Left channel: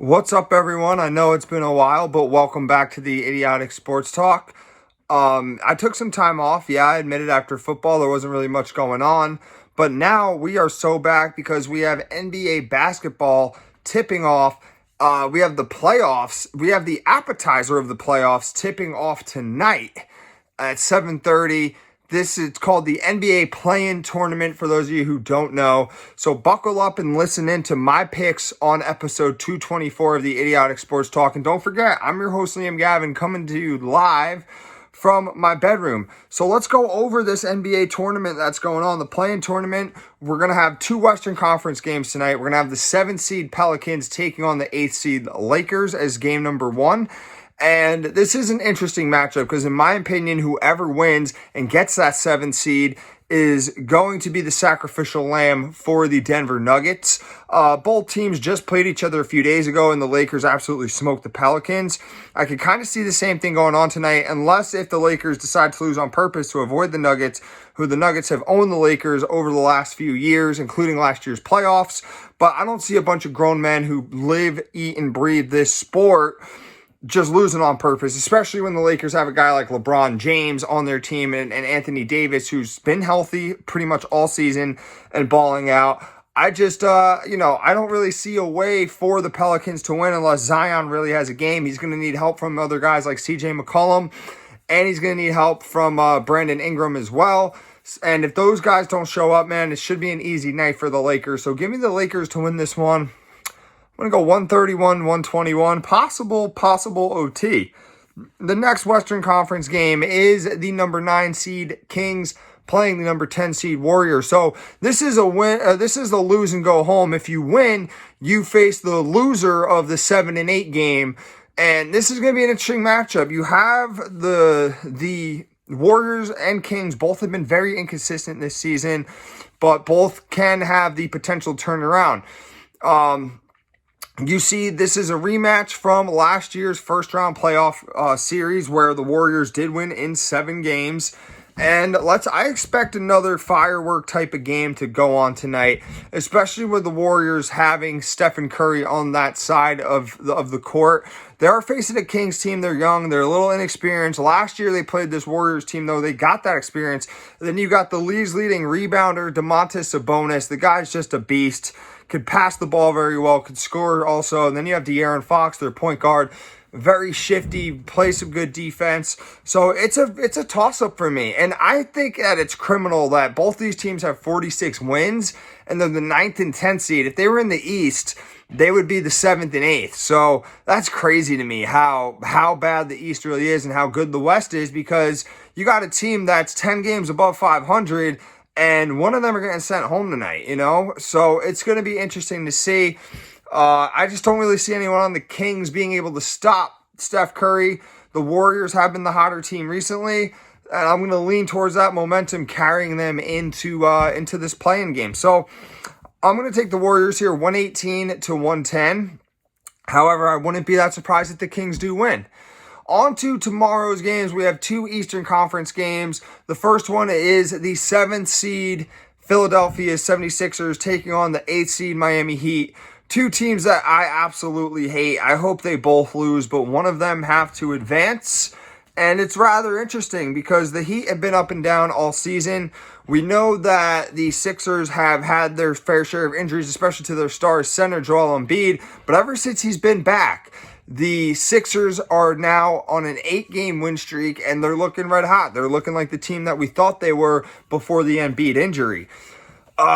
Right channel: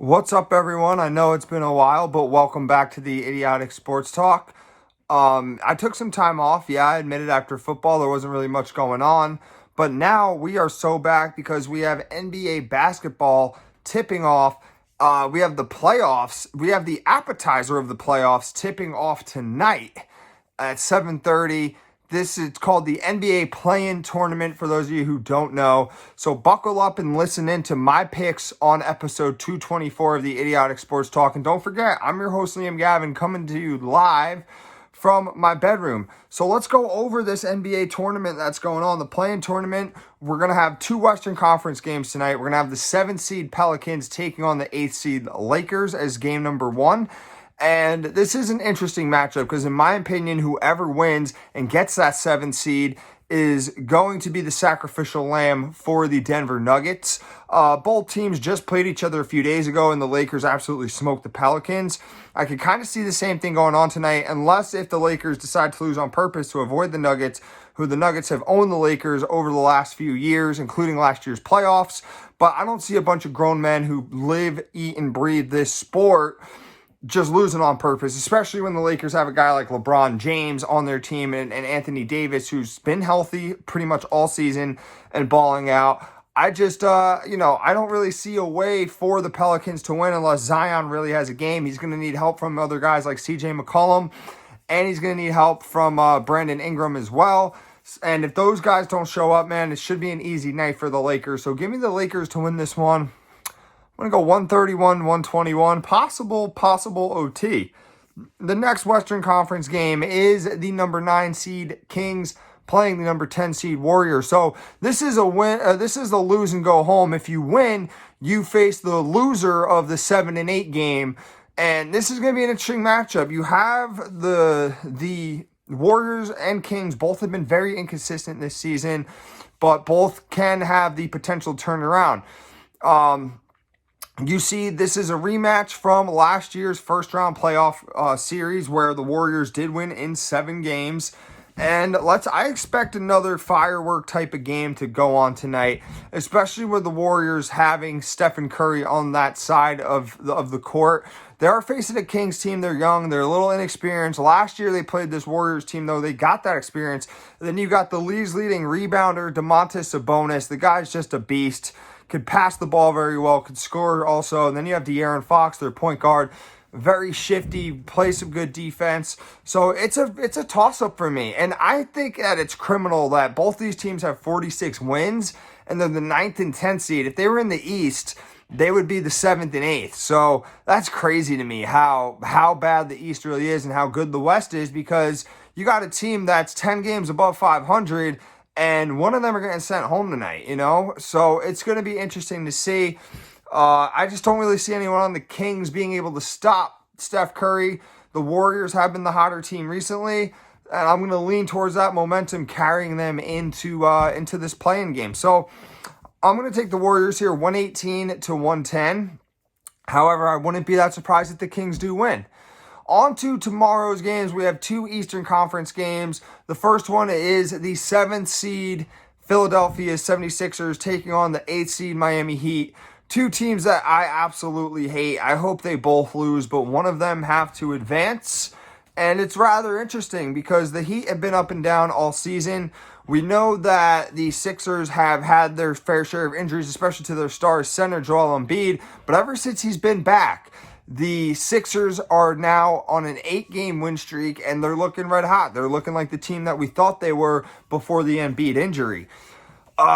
What's up, everyone? I know it's been a while, but welcome back to the Idiotic Sports Talk. I took some time off. Yeah, I admit it, after football, there wasn't really much going on. But now we are so back because we have NBA basketball tipping off. We have the playoffs. We have the appetizer of the playoffs tipping off tonight at 7:30. This is called the NBA Play-In Tournament for those of you who don't know. So buckle up and listen in to my picks on episode 224 of the Idiotic Sports Talk. And don't forget, I'm your host, Liam Gavin, coming to you live from my bedroom. So let's go over this NBA tournament that's going on. The Play-In Tournament, we're going to have two Western Conference games tonight. We're going to have the 7th seed Pelicans taking on the 8th seed Lakers as game number one. And this is an interesting matchup because, in my opinion, whoever wins and gets that 7th seed is going to be the sacrificial lamb for the Denver Nuggets. Both teams just played each other a few days ago, and the Lakers absolutely smoked the Pelicans. I could kind of see the same thing going on tonight, unless if the Lakers decide to lose on purpose to avoid the Nuggets, who the Nuggets have owned the Lakers over the last few years, including last year's playoffs. But I don't see a bunch of grown men who live, eat, and breathe this sport just losing on purpose, especially when the Lakers have a guy like LeBron James on their team and Anthony Davis, who's been healthy pretty much all season and balling out. I just, I don't really see a way for the Pelicans to win unless Zion really has a game. He's going to need help from other guys like CJ McCollum, and he's going to need help from Brandon Ingram as well. And if those guys don't show up, man, it should be an easy night for the Lakers. So give me the Lakers to win this one. I'm going to go 131, 121, possible OT. The next Western Conference game is the number 9 seed Kings playing the number 10 seed Warriors. So this is a win. This is the lose and go home. If you win, you face the loser of the 7 and 8 game. And this is going to be an interesting matchup. You have the Warriors and Kings both have been very inconsistent this season, but both can have the potential turnaround. You see, this is a rematch from last year's first-round playoff series where the Warriors did win in 7 games. And I expect another firework type of game to go on tonight, especially with the Warriors having Stephen Curry on that side of the court. They are facing a Kings team. They're young. They're a little inexperienced. Last year, they played this Warriors team, though. They got that experience. And then you got the league's leading rebounder, Domantas Sabonis. The guy's just a beast. Could pass the ball very well, could score also. And then you have De'Aaron Fox, their point guard, very shifty, plays some good defense. So it's a toss-up for me. And I think that it's criminal that both these teams have 46 wins, and they're the 9th and 10th seed. If they were in the East, they would be the 7th and 8th. So that's crazy to me how bad the East really is and how good the West is, because you got a team that's 10 games above 500, and one of them are getting sent home tonight, So it's going to be interesting to see. I just don't really see anyone on the Kings being able to stop Steph Curry. The Warriors have been the hotter team recently, and I'm going to lean towards that momentum carrying them into this play-in game. So I'm going to take the Warriors here 118 to 110. However, I wouldn't be that surprised if the Kings do win. On to tomorrow's games. We have 2 Eastern Conference games. The first one is the 7th seed Philadelphia 76ers taking on the 8th seed Miami Heat. 2 teams that I absolutely hate. I hope they both lose, but one of them have to advance. And it's rather interesting because the Heat have been up and down all season. We know that the Sixers have had their fair share of injuries, especially to their star center Joel Embiid. But ever since he's been back, the Sixers are now on an 8-game win streak, and they're looking red hot. They're looking like the team that we thought they were before the Embiid injury.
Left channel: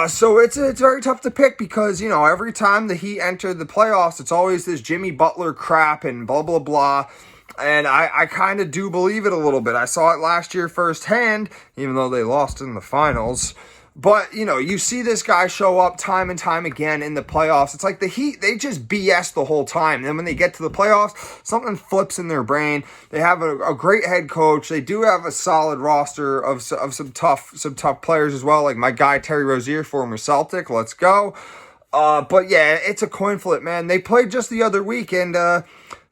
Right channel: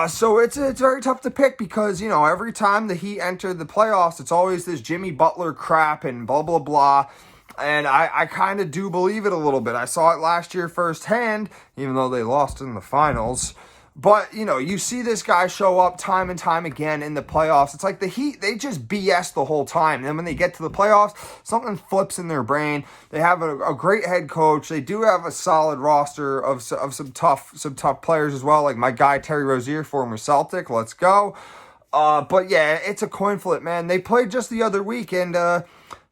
So it's very tough to pick because, every time the Heat enter the playoffs, it's always this Jimmy Butler crap and blah, blah, blah. And I kind of do believe it a little bit. I saw it last year firsthand, even though they lost in the finals. But, you see this guy show up time and time again in the playoffs. It's like the Heat, they just BS the whole time. And then when they get to the playoffs, something flips in their brain. They have a great head coach. They do have a solid roster of some tough players as well, like my guy Terry Rozier, former Celtic. Let's go. But yeah, it's a coin flip, man. They played just the other week, and the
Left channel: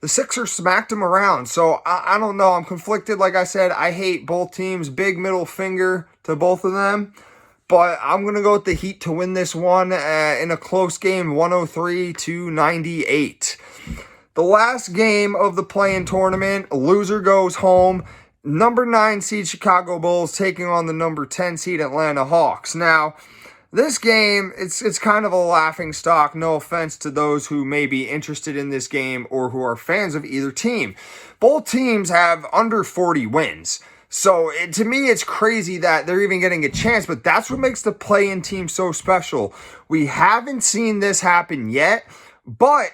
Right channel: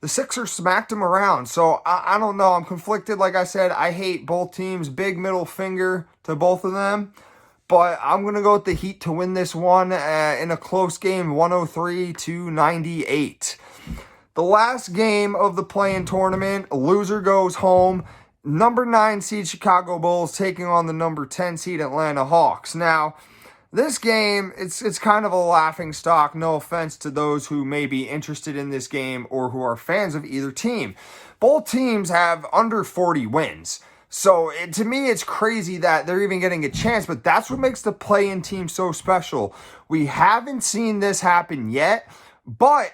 Sixers smacked them around. So I don't know. I'm conflicted. Like I said, I hate both teams. Big middle finger to both of them. But I'm going to go with the Heat to win this one in a close game, 103 to 98. The last game of the play-in tournament, loser goes home. Number 9 seed Chicago Bulls taking on the number 10 seed Atlanta Hawks. Now, this game, it's kind of a laughing stock. No offense to those who may be interested in this game or who are fans of either team. Both teams have under 40 wins. So to me, it's crazy that they're even getting a chance, but that's what makes the play-in team so special. We haven't seen this happen yet, but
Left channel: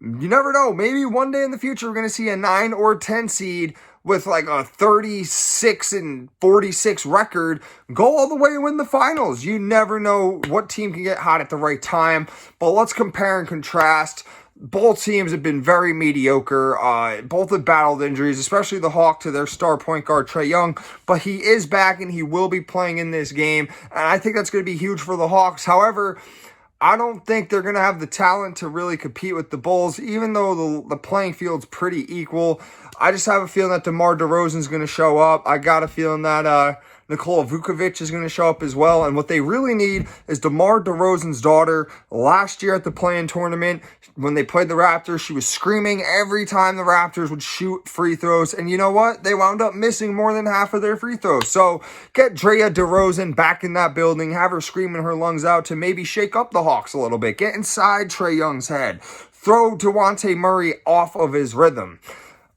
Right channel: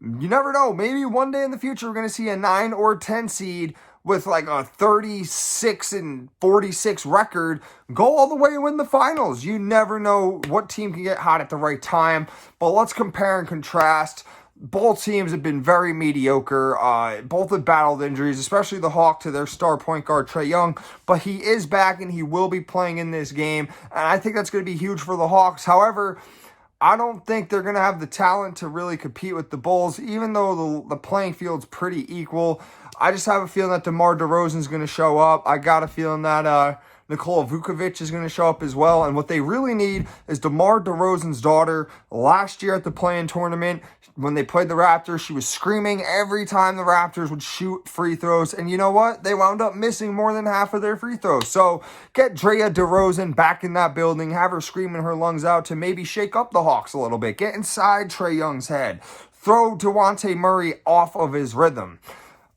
you never know. Maybe one day in the future, we're going to see a 9 or 10 seed with like a 36-46 record go all the way and win the finals. You never know what team can get hot at the right time, but let's compare and contrast. Both teams have been very mediocre. Both have battled injuries, especially the Hawks to their star point guard, Trae Young. But he is back and he will be playing in this game. And I think that's going to be huge for the Hawks. However, I don't think they're going to have the talent to really compete with the Bulls, even though the playing field's pretty equal. I just have a feeling that DeMar DeRozan's going to show up. I got a feeling that Nikola Vukovic is going to show up as well. And what they really need is DeMar DeRozan's daughter. Last year at the play-in tournament, when they played the Raptors, she was screaming every time the Raptors would shoot free throws. And you know what? They wound up missing more than half of their free throws. So get Drea DeRozan back in that building. Have her screaming her lungs out to maybe shake up the Hawks a little bit. Get inside Trae Young's head. Throw DeJounte Murray off of his rhythm.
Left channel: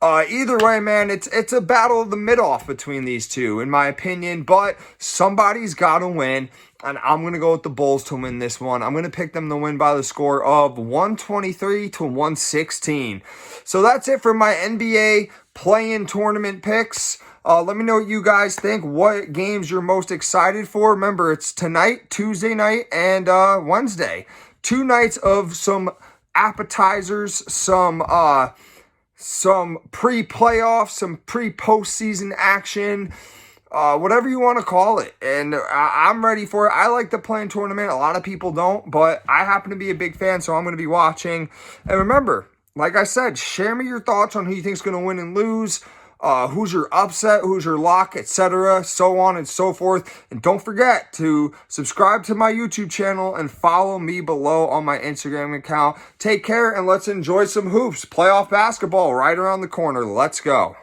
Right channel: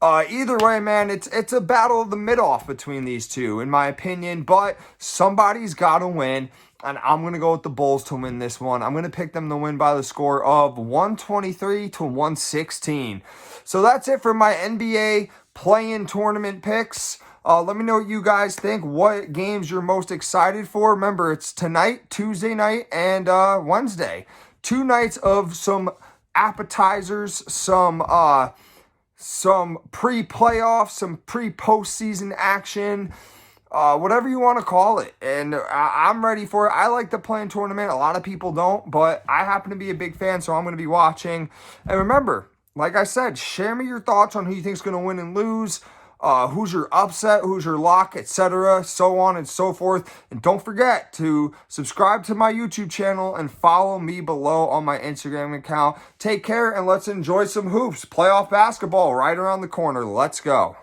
Either way, man, it's a battle of the mid-off between these two, in my opinion, but somebody's got to win, and I'm going to go with the Bulls to win this one. I'm going to pick them to win by the score of 123-116. So that's it for my NBA play-in tournament picks. Let me know what you guys think, what games you're most excited for. Remember, it's tonight, Tuesday night, and Wednesday. 2 nights of some appetizers, some pre-playoff, some pre-postseason action, whatever you want to call it. And I'm ready for it. I like the play-in tournament. A lot of people don't, but I happen to be a big fan, so I'm going to be watching. And remember, like I said, share me your thoughts on who you think is going to win and lose, who's your upset, who's your lock, etc., so on and so forth. And don't forget to subscribe to my YouTube channel and follow me below on my Instagram account. Take care and let's enjoy some hoops. Playoff basketball right around the corner. Let's go.